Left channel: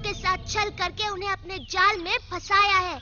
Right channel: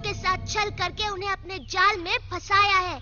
के साथ छल करके उन्हें अपने जाल में फंसाया है।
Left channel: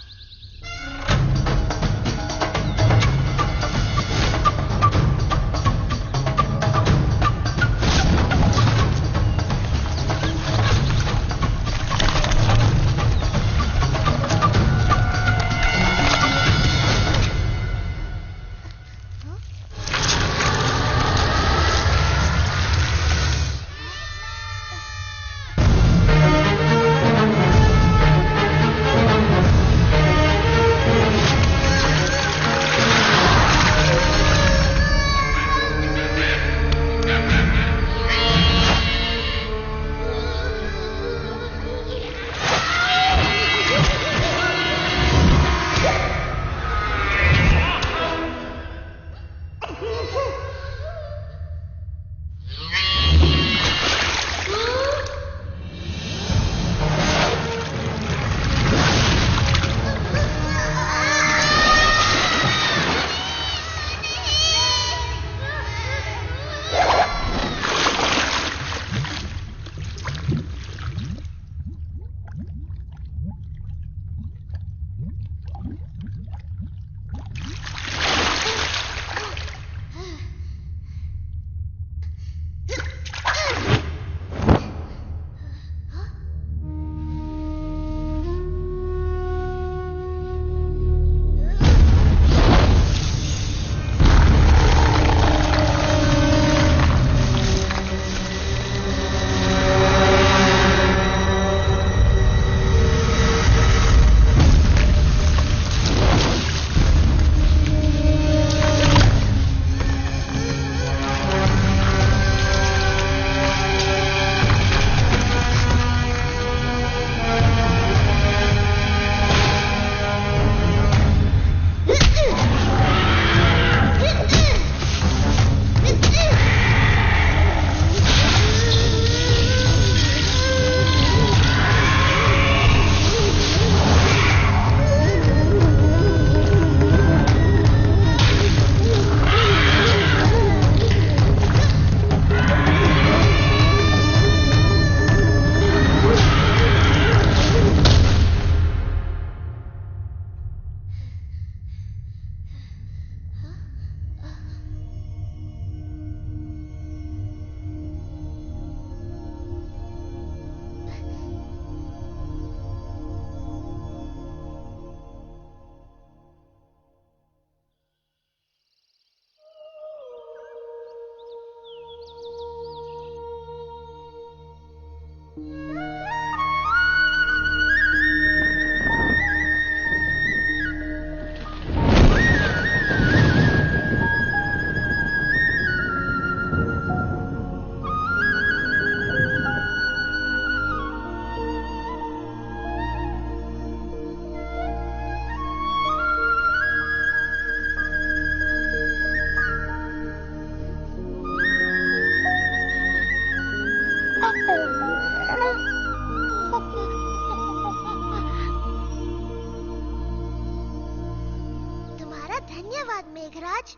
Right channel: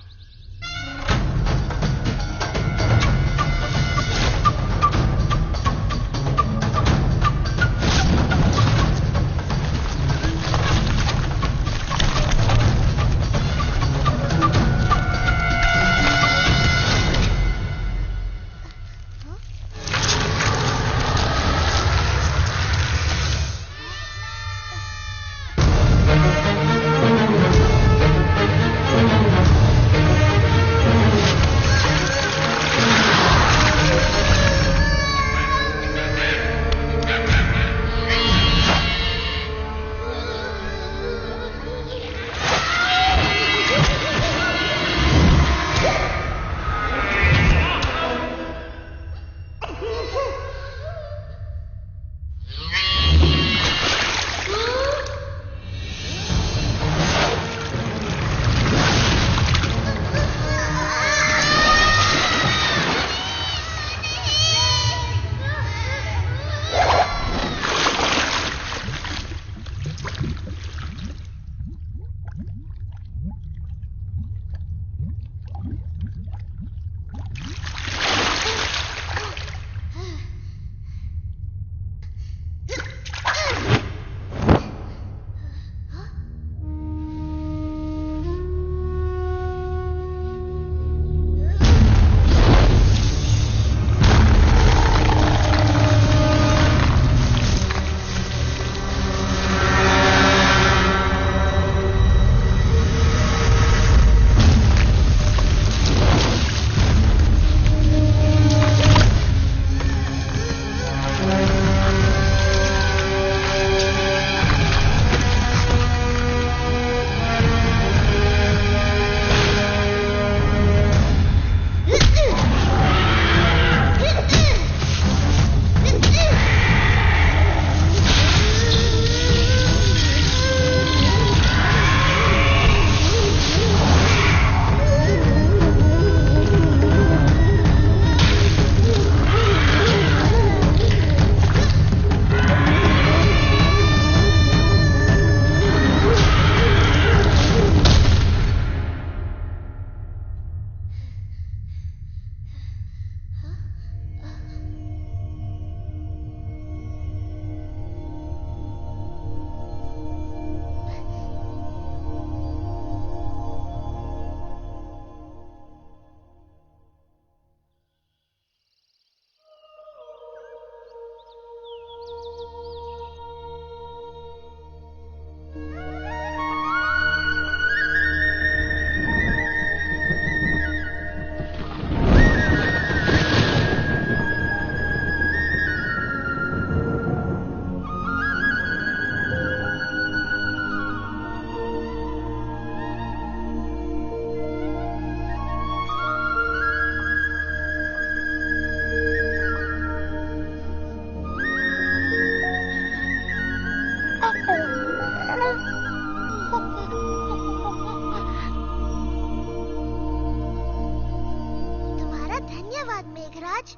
धन्यवाद मेघराज,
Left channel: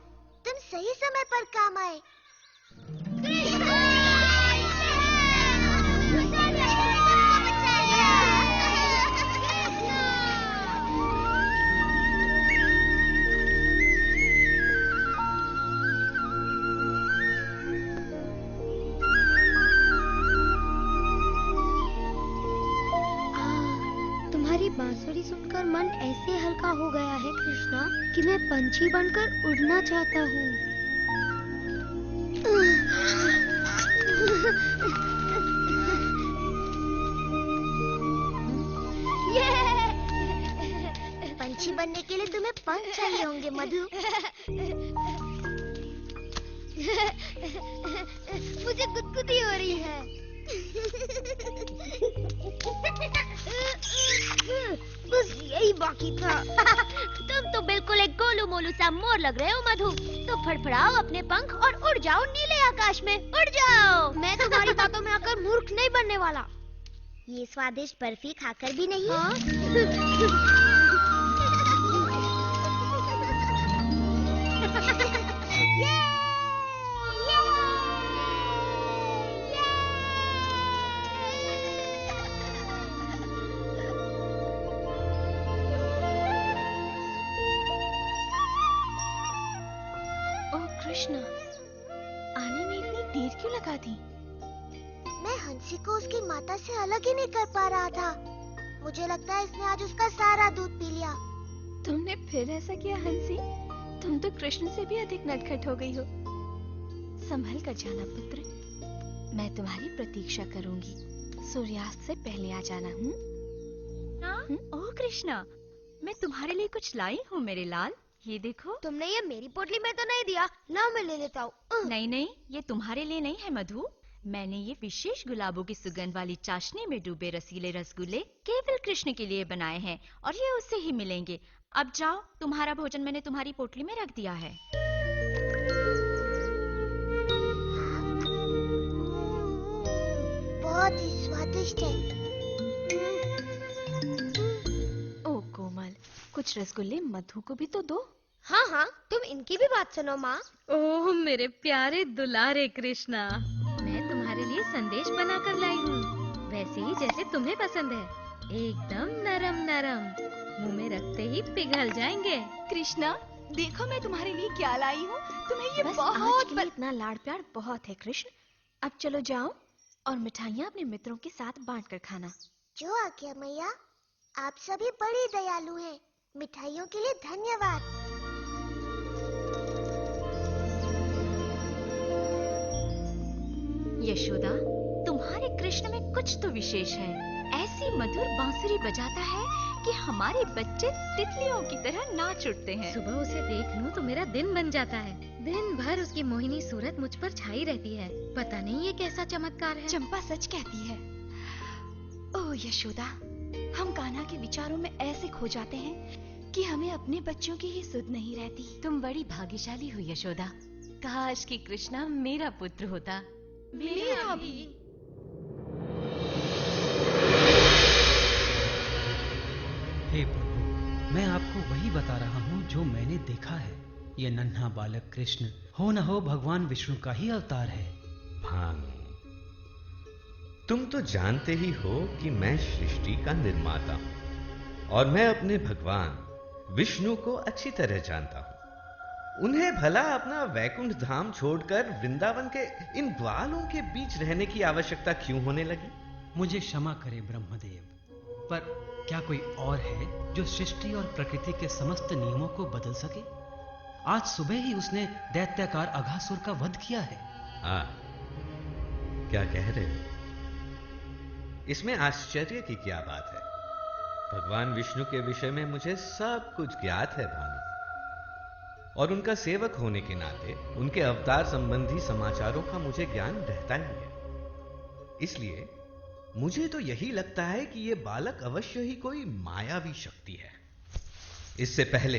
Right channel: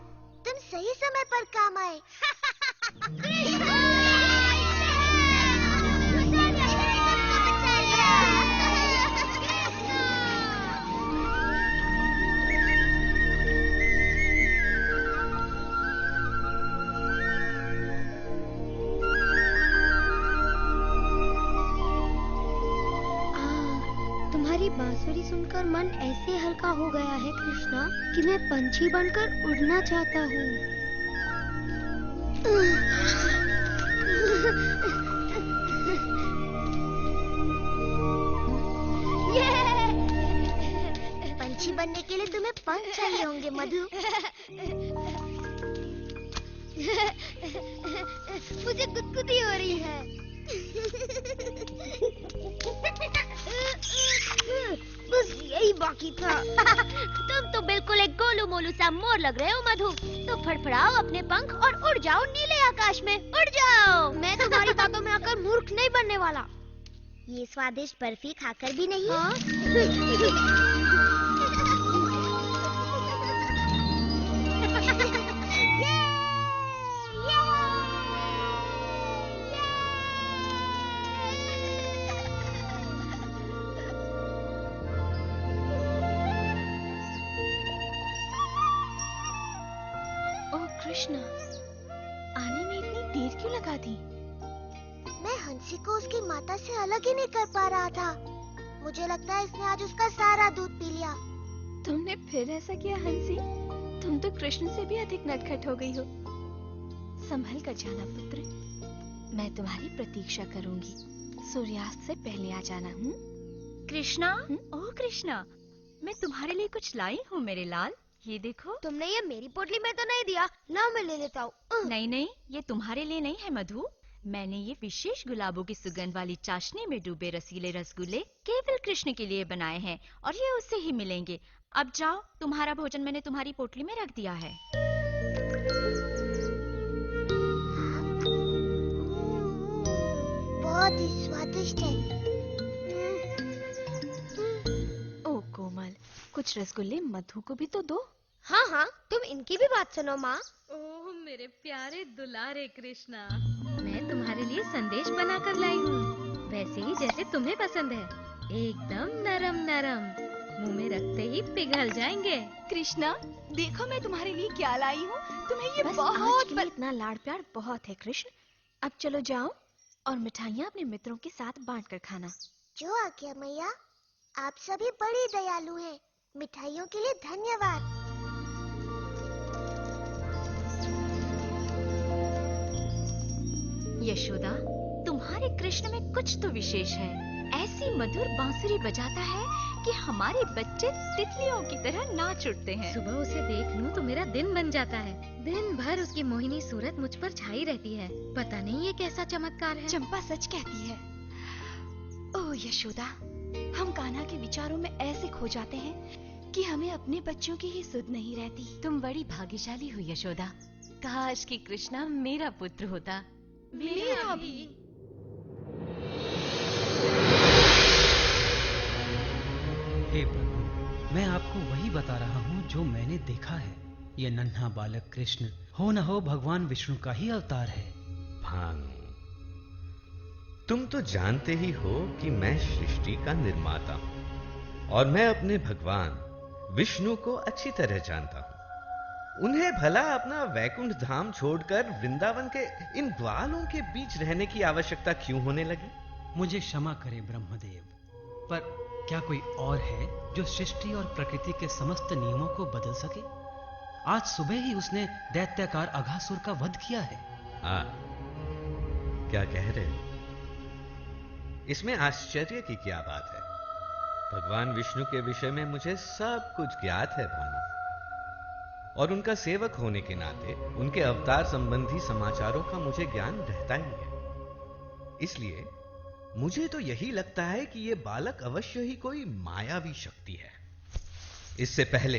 तुम सही समय पर काम आए। तुम्हारी बांसुरी सुनकर मन ऐसे हल्का हो गया है कृष्णा कि मैं पंछी बनकर उड़ना चाहता हूँ। पंछी बनने के लिए तुम्हें पंख चाहिए होंगे मधु। मुझे गुदगुदी हो रही है। बस यही बाकी था। तुम तो बिल्कुल एक गोलू मोलू सा मोर लग रहे हो मधु। तो फड़फड़ाओ अपने पंख और उड़ जाओ नीले आकाश में, उड़ जाओ। मैं तुम्हारी बातों में आकर मूर्ख नहीं बनने वाला। ये स्वादिष्ट बर्फी खाकर भी नहीं। हाँ? कृष्ण, आने में इतनी देर क्यों लगा दी? मैं हंसी को उसकी माता से अलग ही नहीं कर पा रहा था। मुझे लगता है इसने आज उसका सारा दूध पी लिया। तुमने फिर ऐसा किया हंसी? तुम तो कृष्ण से भी अधिक नटखट हो गई हो। संभल कर जाना पुत्र, मैं तुम्हारी प्रतीक्षा करूंगी। सूर्यास्त से पहले आ जाना। कृष्णा, ओह कृष्णा, मैं तुम्हारे लिए कुछ लाई हूँ मेरे लाल। ये देखो। तुमने ये मेरी पोटली में तो नहीं दिया ना, मैं ले लेता हूँ। नहीं नहीं, ये तुम्हारे लिए नहीं है मधु। मैंने ये विशेष गुलाबों की सुगंध वाली चाशनी में डूबे रसीले रसगुल्ले केवल कृष्ण के लिए बनाए हैं और ये उससे ही मिलेंगे। अब जाओ, तुम्हारा भोजन मैंने तुम्हारी पोटली में रख दिया है। बहुत ही स्वादिष्ट है। ओ कोमल, कुछ रसगुल्ले मधु को भी तो दो। हाँ हाँ, तुम इनकी भी बात सुनो माँ। ओह मेरे प्यारे दुलारे कृष्णा, मैं तुम्हारे लिए संदेश बनाकर लाई हूँ, वैसे ही जैसे तुम्हें पसंद है। एकदम नरम नरम, मुंह में रखते ही पिघल जाएंगे। कृष्णा, देखो मैं तुम्हारे लिए क्या लाई हूँ। तुम्हें ये बस बहुत आज के लिए इतना लाड़ प्यार बहुत है कृष्ण। अब चलो जाओ और मिठाइयाँ अपने मित्रों के साथ बांट कर खाना। जो आज्ञा मैया, आप सभी बड़ी दयालु हैं। मिठाइयों के लिए धन्यवाद। यशोदा, तुम्हारे कृष्ण में कुछ तो विशेष है। ऐसी मधुर बांसुरी बजाता है कि हमारे बच्चे तितलियों की तरह नाच उठते हैं। सुबह उसे देख लूं तो मेरा दिन बन जाता है। दिन भर उसकी मोहिनी सूरत मुझ पर छाई रहती है। पता नहीं ये कैसा चमत्कार है। चंपा सच कहती है। ओह यशोदा, हम कान्हा के विचारों में ऐसे खो जाते हैं कि हमें अपने बच्चों की ही सुध नहीं रहती। तुम बड़ी भाग्यशाली हो यशोदा। काश कि कृष्णा मेरा पुत्र होता। मेरा भी। हे प्रभु, मैं आपको वही बता रहा हूँ जो मैंने देखा है। ये नन्हा बालक कृष्ण हो न हो भगवान विष्णु का ही अवतार है। भानु, तुम तो जानते ही हो कि मैं सृष्टि का निर्माता हूं और मैं अपने भगवान विष्णु को अच्छी तरह जानता हूं। उन्हें भला अपना वैकुंठ धाम छोड़कर वृंदावन के इन ग्वालों के बीच रहने की आवश्यकता क्यों होने लगी? मुझे क्षमा करे ब्रह्मदेव, पर क्या कोई और है जो सृष्टि और प्रकृति के समस्त नियमों को बदल सके? आज सुबह ही उसने दैत्याकार अघासुर का वध किया है। क्या कह रहे हो? इसमें आश्चर्य की क्या बात है? भगवान विष्णु के विषय में मुझे सब कुछ ज्ञात है भानु, और उनका सेवक होने के नाते उनके अवतार संबंधी समाचारों का मुझे ज्ञान रहता ही है। इसलिए मुझे तो यही लगता है कि यह बालक अवश्य ही कोई मायावी शक्ति है। इससे पहले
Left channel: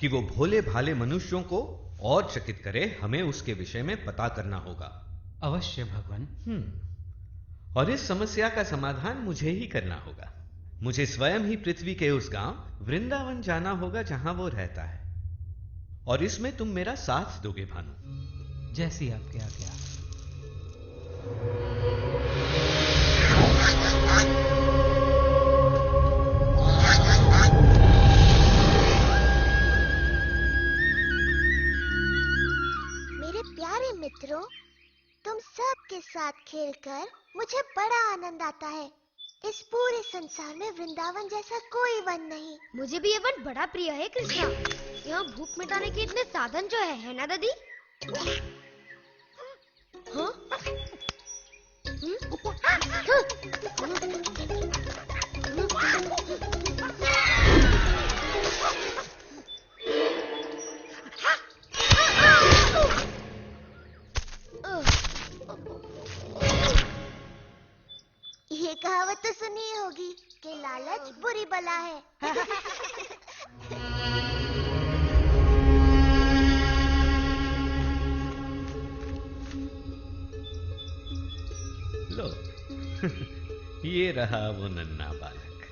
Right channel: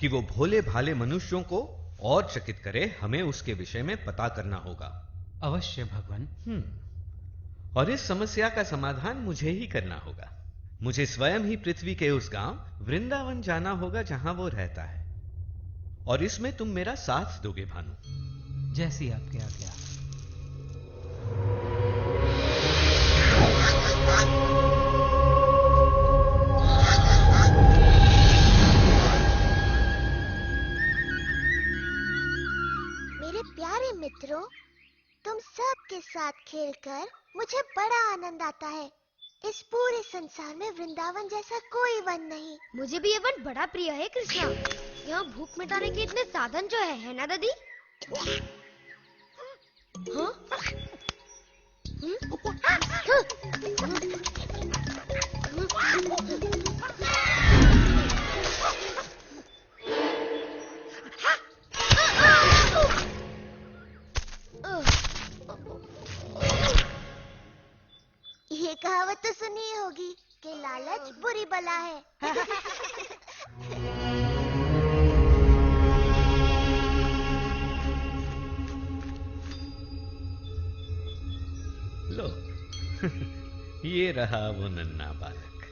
कि वो भोले भाले मनुष्यों को और चकित करे, हमें उसके विषय में पता करना होगा। अवश्य भगवान। और इस समस्या का समाधान मुझे ही करना होगा। मुझे स्वयं ही पृथ्वी के उस गांव वृंदावन जाना होगा जहां वो रहता है, और इसमें तुम मेरा साथ दोगे भानु। जैसी आपकी आज्ञा। मेरे प्यारे मित्रों, तुम सब के साथ खेलकर मुझे बड़ा आनंद आता है। इस पूरे संसार में वृंदावन जैसा कोई वन नहीं। मुझे भी ये वन बड़ा प्रिय है कृष्णा। यहाँ भूख मिटाने के इतने साधन जो है ना दादी? हाँ? ये कहावत तो सुनी होगी कि लालच बुरी बला है। लो, ये रहा वो नन्हा बालक,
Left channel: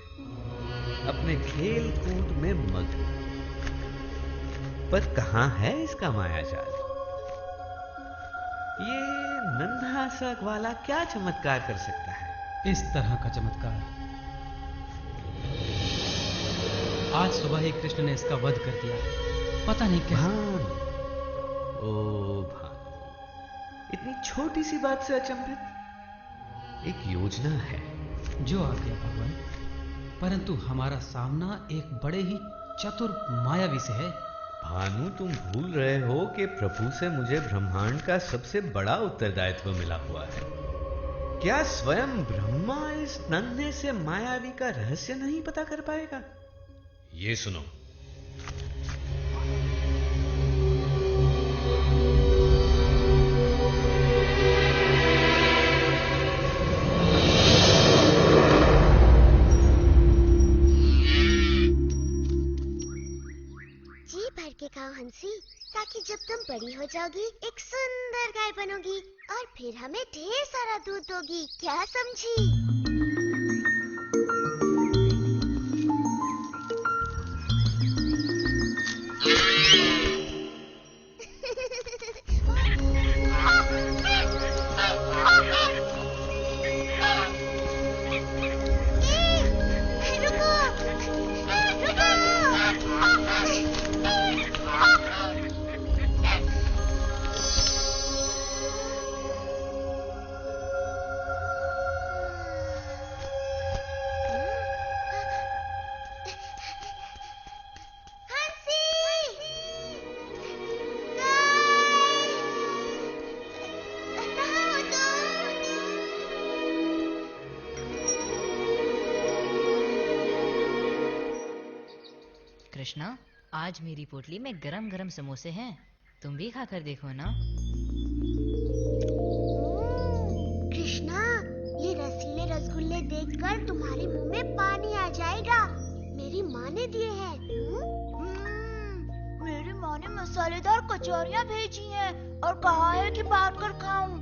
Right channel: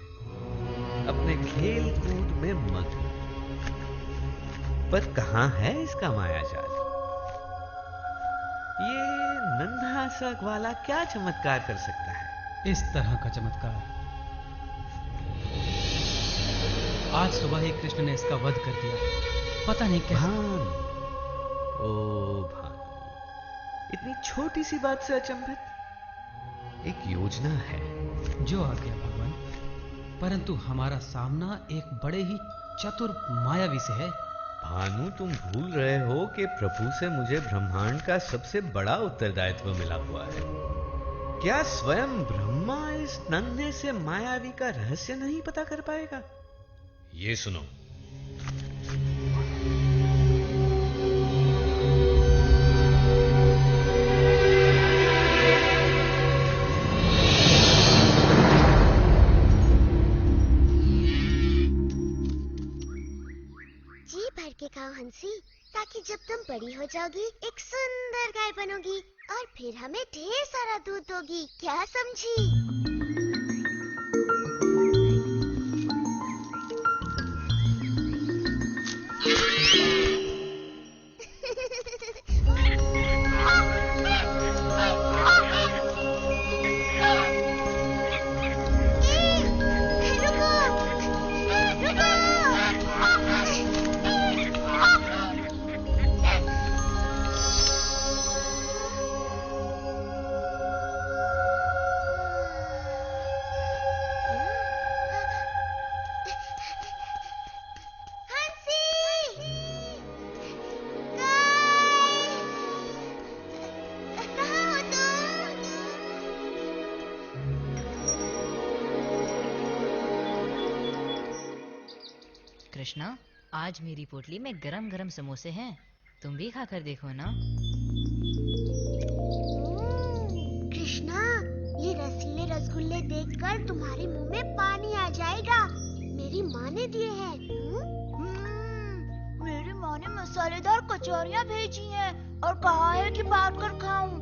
अपने खेल कूद में मग्न। पर कहां है इसका मायाजाल? ये नन्हा सा ग्वाला क्या चमत्कार कर सकता है? इस तरह का चमत्कार आज सुबह ही कृष्ण ने इसका वध कर दिया। पता नहीं कैसे। ओ भानु, इतनी छोटी सी बात से अचंभित? एक योजना है। जो आ गया भगवान, परंतु हमारा सामना एक बड़े ही चतुर मायावी से है। भानु, तुम भूल रहे हो कि प्रभु से मुझे ब्रह्मांड का सबसे बड़ा उत्तरदायित्व मिला हुआ है। क्या स्वयं ब्रह्मा इस नन्हे से मायावी का रहस्य नहीं पता कर पाएगा? ये सुनो। जी भर के खाओ हंसी, ताकि जब तुम बड़ी हो जाओगी एक सुंदर गाय बनोगी और फिर हमें ढेर सारा दूध दोगी। क्या समझी? ए, रुको, रुको। कृष्णा, आज मेरी पोटली में गरम गरम समोसे हैं, तुम भी खाकर देखो ना। कृष्णा, ये रसीले रसगुल्ले देखकर तुम्हारे मुंह में पानी आ जाएगा। मेरी माँ ने दिए हैं। मेरी माँ ने मसालेदार कचौरियाँ भेजी हैं और कहा है कि बांट कर खाऊं।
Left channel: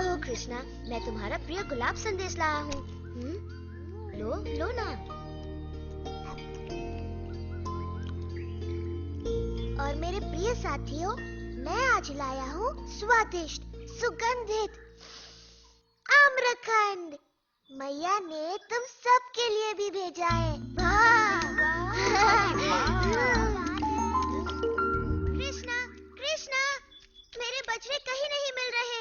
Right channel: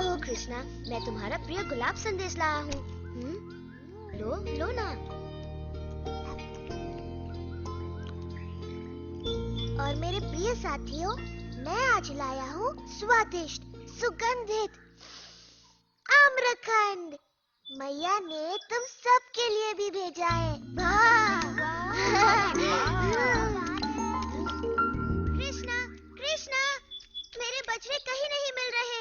ओह कृष्णा, मैं तुम्हारा प्रिय गुलाब संदेश लाया हूँ। लो लो ना। और मेरे प्रिय साथियों, मैं आज लाया हूँ स्वादिष्ट सुगंधित आम्रखंड। मैया ने तुम सबके लिए भी भेजा है। कृष्णा, कृष्णा, मेरे बछड़े कहीं नहीं मिल रहे।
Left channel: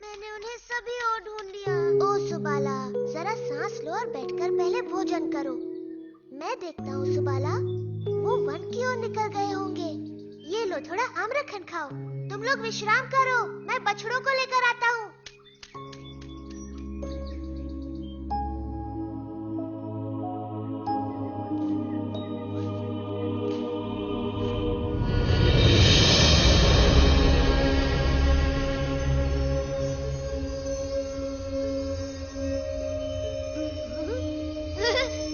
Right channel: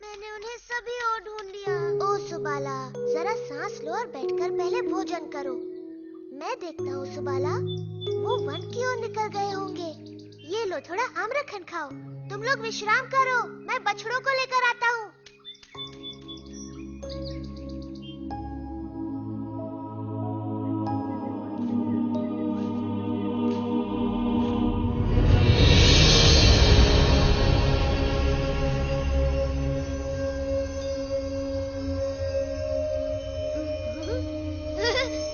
मैंने उन्हें सभी ओर ढूंढ लिया। ओ सुबाला, जरा सांस लो और बैठकर पहले भोजन करो। मैं देखता हूँ सुबाला, वो वन की ओर निकल गए होंगे। ये लो, थोड़ा आम्रखंड खाओ। तुम लोग विश्राम करो, मैं बछड़ों को लेकर आता हूँ।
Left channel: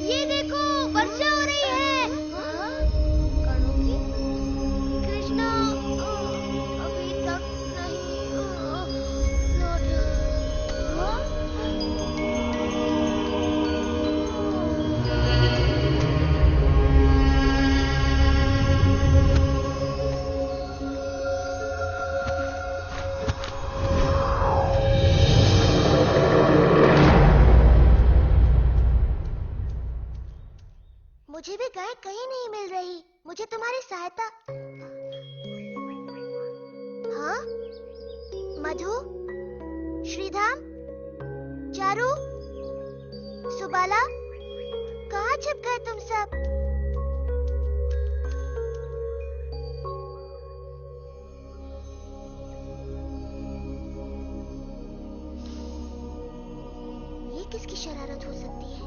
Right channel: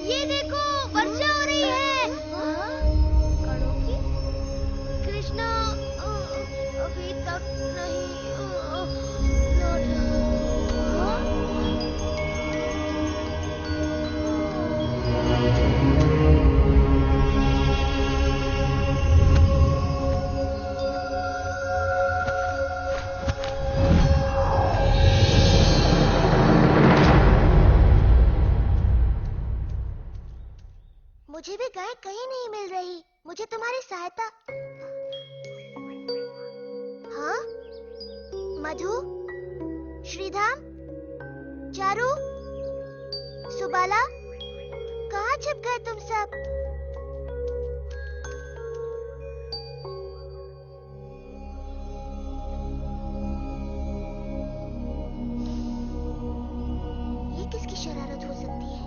ये देखो, वर्षा हो रही है। कणों की? कृष्णा अभी तक नहीं लौट रहा। मुझे भी गाय कहीं नहीं मिल रही। मुझे तुम्हारी सहायता। हाँ? मधु, श्रीधाम, चारू, सुबाला, कहाँ छिप गए तुम सब? ये किसकी शरारत हो सकती है?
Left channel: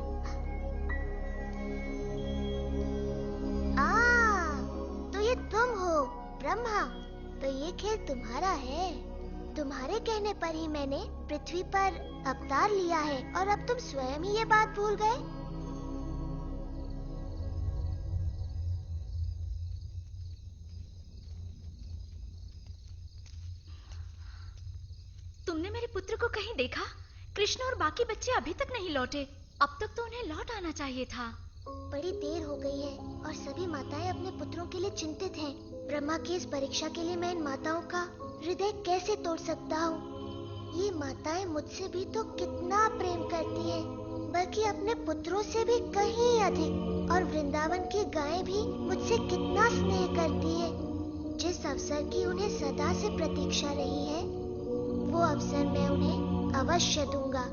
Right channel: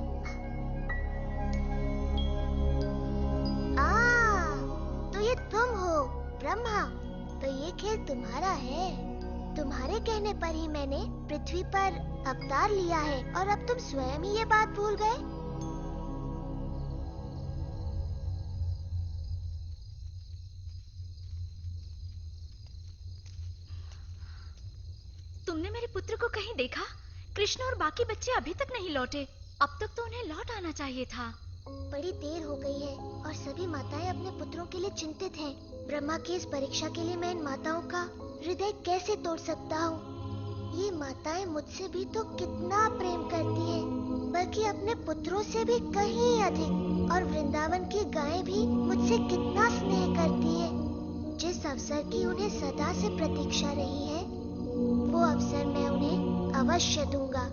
तो ये तुम हो ब्रह्मा। तो ये खेल तुम्हारा है। तुम्हारे कहने पर ही मैंने पृथ्वी पर अवतार लिया है और अब तुम स्वयं ही ये बात भूल गए। तुमने मेरे पुत्र को कहीं देखा? कृष्ण और बाकी बच्चे अभी तक नहीं लौटे। अब तक तो उन्हें लौट आना चाहिए था। बड़ी देर हो गई है और सभी माताएं अपने पुत्रों के लिए चिंतित हैं। ब्रह्मा की इस परीक्षा के लिए मैं इन माताओं का हृदय कैसे तोड़ सकता हूँ? ये माताएं मुझसे भी तो कितना प्रेम करती हैं। बल्कि अपने पुत्रों से भी कहीं अधिक। और वृंदावन की गायें भी मुझसे कितना स्नेह करती है। जिस अवसर की उन्हें सदा से प्रतीक्षा रही है, वो अवसर मैं उन्हें अवश्य दूंगा।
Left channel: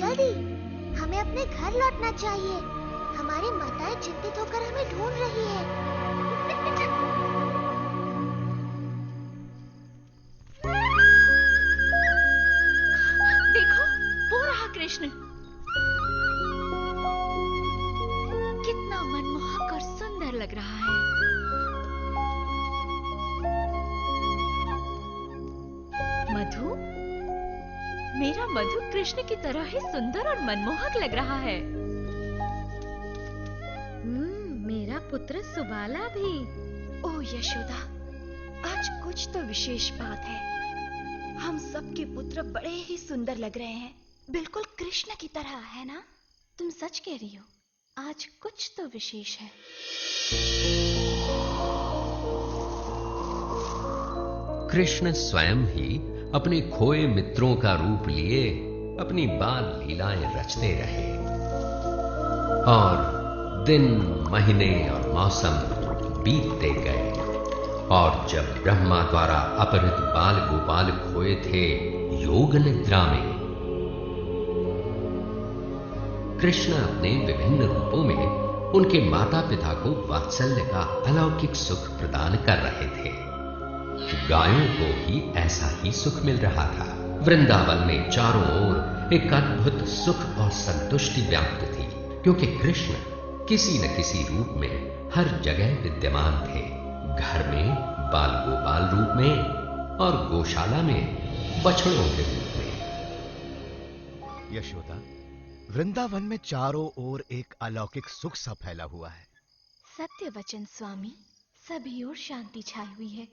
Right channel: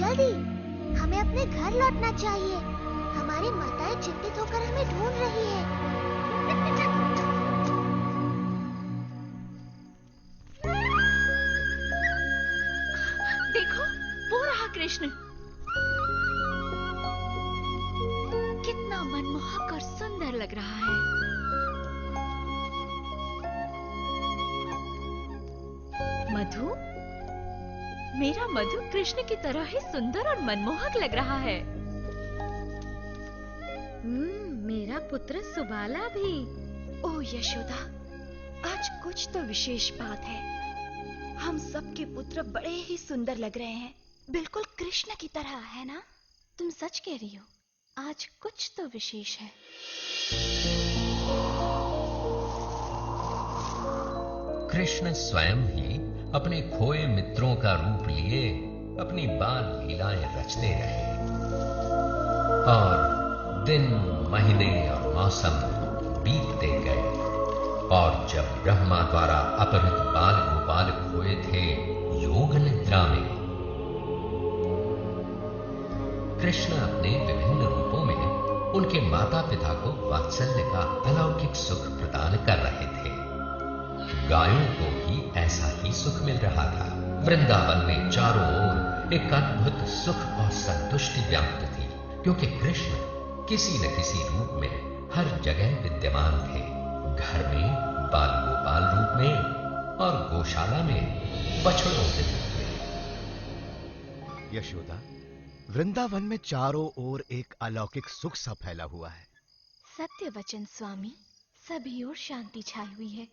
जल्दी, हमें अपने घर लौटना चाहिए। हमारी माताएं चिंतित होकर हमें ढूंढ रही है। देखो, वो रहा कृष्ण। कितना मनमोहक और सुंदर लग रहा है। मधु, मेरा मधु कृष्ण की तरह ही सुंदर और मनमोहक लग रहा है। मेरा पुत्र सुबाला भी। ओह यशोदा, आज कुछ तो विशेष बात है। हम सबके पुत्र बड़े ही सुंदर लग रहे हैं, बिल्कुल कृष्ण की तरह, है ना? तुम सच कह रही हो, आज कुछ तो विशेष है। कृष्ण स्वयं ही अपने खोए मित्रों का रूप लिए अपनी बाल लीलाएं रचते रहे और दिन, महीने और मौसम बीतते गए। और जब ब्रह्मा द्वारा अपहृत बाल गोपाल खोए थे योग निद्रा में, कृष्ण अपने विभिन्न रूपों में उनके माता पिता को वात्सल्य का अलौकिक सुख प्रदान कर रहे थे। गायों को भी ऐसा ही सुख मिल रहा था। वृंदावन में चारों ओर एक अद्भुत सुख और संतुष्टि व्याप्त थी, क्योंकि कृष्ण किसी न किसी रूप में हर जगह विद्यमान थे। घर में बाल गोपाल रूप में और गौशाला में बछड़ों के रूप में। यशोदा, वृंदावन में चारों ओर एक अलौकिक सुख सा फैला हुआ है। सत्य वचन स्वामी, सभी ओर शांति छाई हुई है।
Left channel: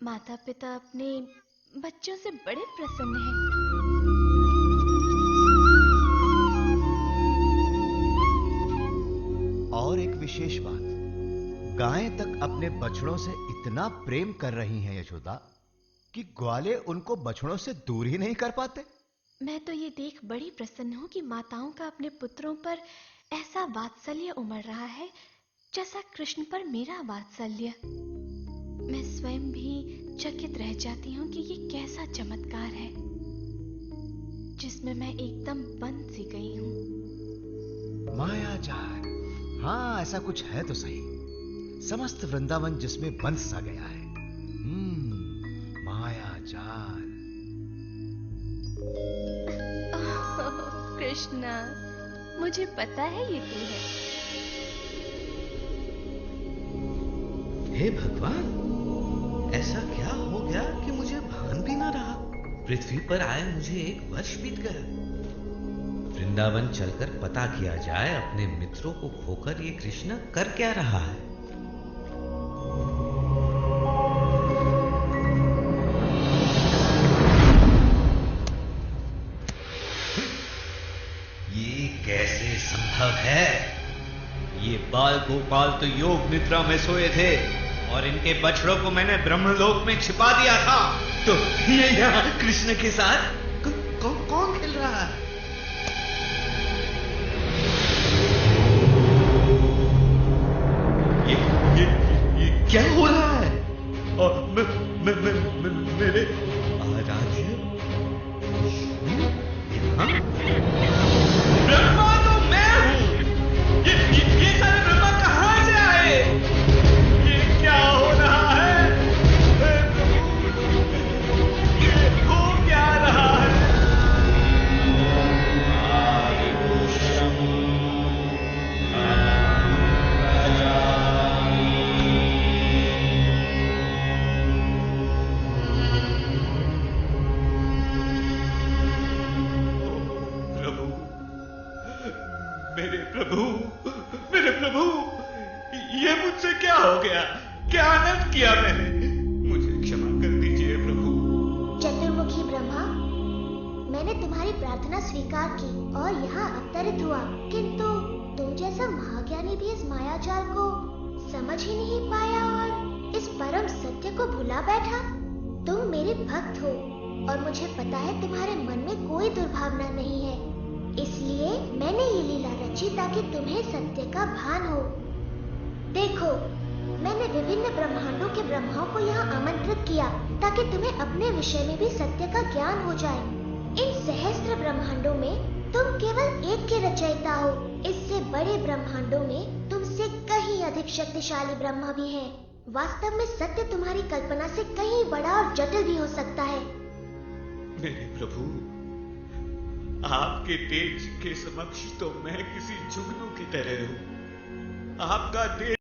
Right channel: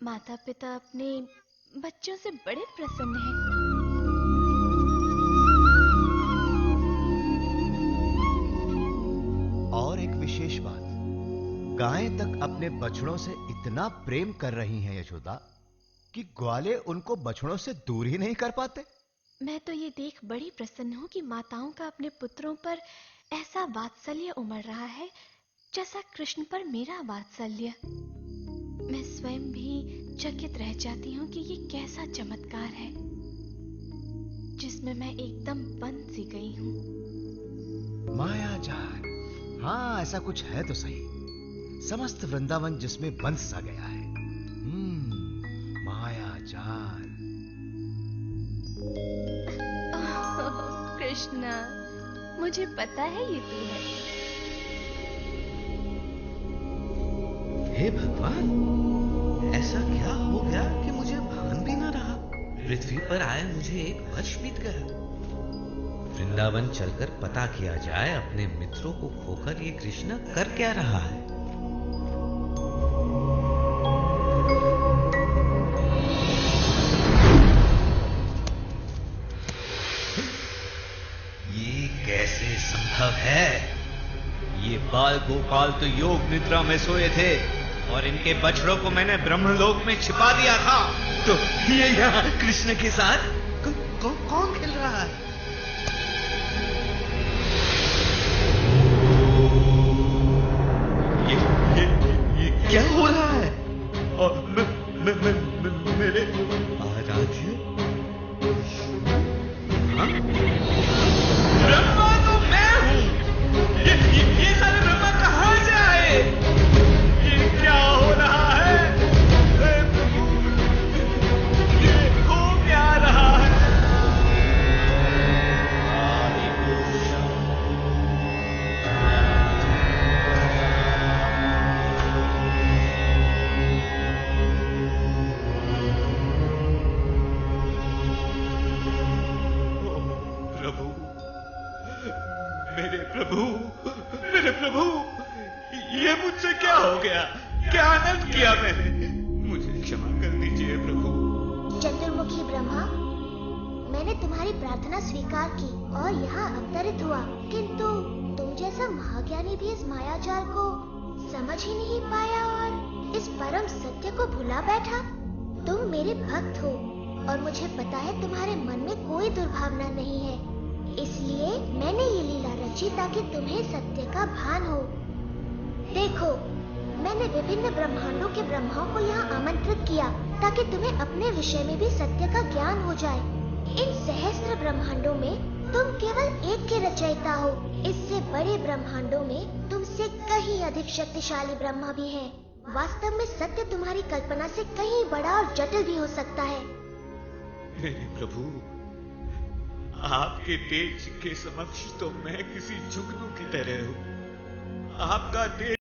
माता पिता अपने बच्चों से बड़े प्रसन्न हैं। और एक विशेष बात, गायें तक अपने बछड़ों से इतना प्रेम कर रही हैं यशोदा कि ग्वाले उनको बछड़ों से दूर ही नहीं कर पाते। मैं तो ये देख बड़ी प्रसन्न हूं कि माताओं का अपने पुत्रों पर ऐसा वात्सल्य उमड़ रहा है जैसा कृष्ण पर मेरा वात्सल्य। मैं स्वयं भी चकित रह जाती हूँ कि ये कैसा चमत्कार है जिसमें मैं एकदम बंद सी गई हूँ। माया जाल, हाँ ऐसा कुछ है तो सही। समस्त वृंदावन जिसमें बंद सा गया है। माया जाल। कृष्णा, मुझे पता है ये तू है। हे भगवान, ऐसा क्या हो गया कि मुझे भान भी ना रहा। पृथ्वी पर आए मुझे 1 वर्ष बीत गया। वृंदावन चलकर पता किया जाए अपने मित्रों को खोकर ये कृष्ण कर क्या रहा है। ये कैसे संभव है? ये बाल गोपाल तो योग निद्रा में सोए थे और इनके बछड़ों को मैंने ब्रह्मलोक में छिपा दिया था। तो ये यहाँ कृष्ण के साथ कौन खेल रहा है? ये क्या हो रहा है? और मेरे आराध्य ब्रह्मा तो मैं हूं। ये सारे ब्रह्मा कहां से आए? ये क्या हो रहा है? ये हो क्या मेरे प्रभु, ये मुझसे क्या हो गया? क्या अनर्थ किया मैंने? मुझे क्षमा कर दीजिए प्रभु। चतुर्मुखी ब्रह्मा, मैंने तुम्हारी प्रार्थना स्वीकार की और यहाँ अवतरित हुआ, किंतु तुम जैसा महाज्ञानी भी इस मायाजाल को समझ ही नहीं पाया और इस परम सत्य को भुला बैठा। तुम मेरे भक्त हो और मुझे पता है तुम्हारे मन में कोई दुर्भावना नहीं है, इसलिए मैंने ये लीला रची ताकि तुम्हें सत्य का भान हो। देखो, मैंने विभिन्न ब्रह्मांडों के ब्रह्माओं को यहाँ आमंत्रित किया ताकि तुम्हें अपने विषय में भी सत्य का ज्ञान हो जाए। इन सहस्त्र ब्रह्मांडों में तुम केवल एक के रचयिता हो। इससे बड़े ब्रह्मांडों में तुमसे कहीं अधिक शक्तिशाली ब्रह्मा भी हैं। वास्तव में सत्य तुम्हारी कल्पना से कहीं बड़ा और जटिल भी हो सकता है। मेरे प्रभु, आपके तेज के समक्ष तो मैं किसी जुगनू की तरह हूँ। आपका तेज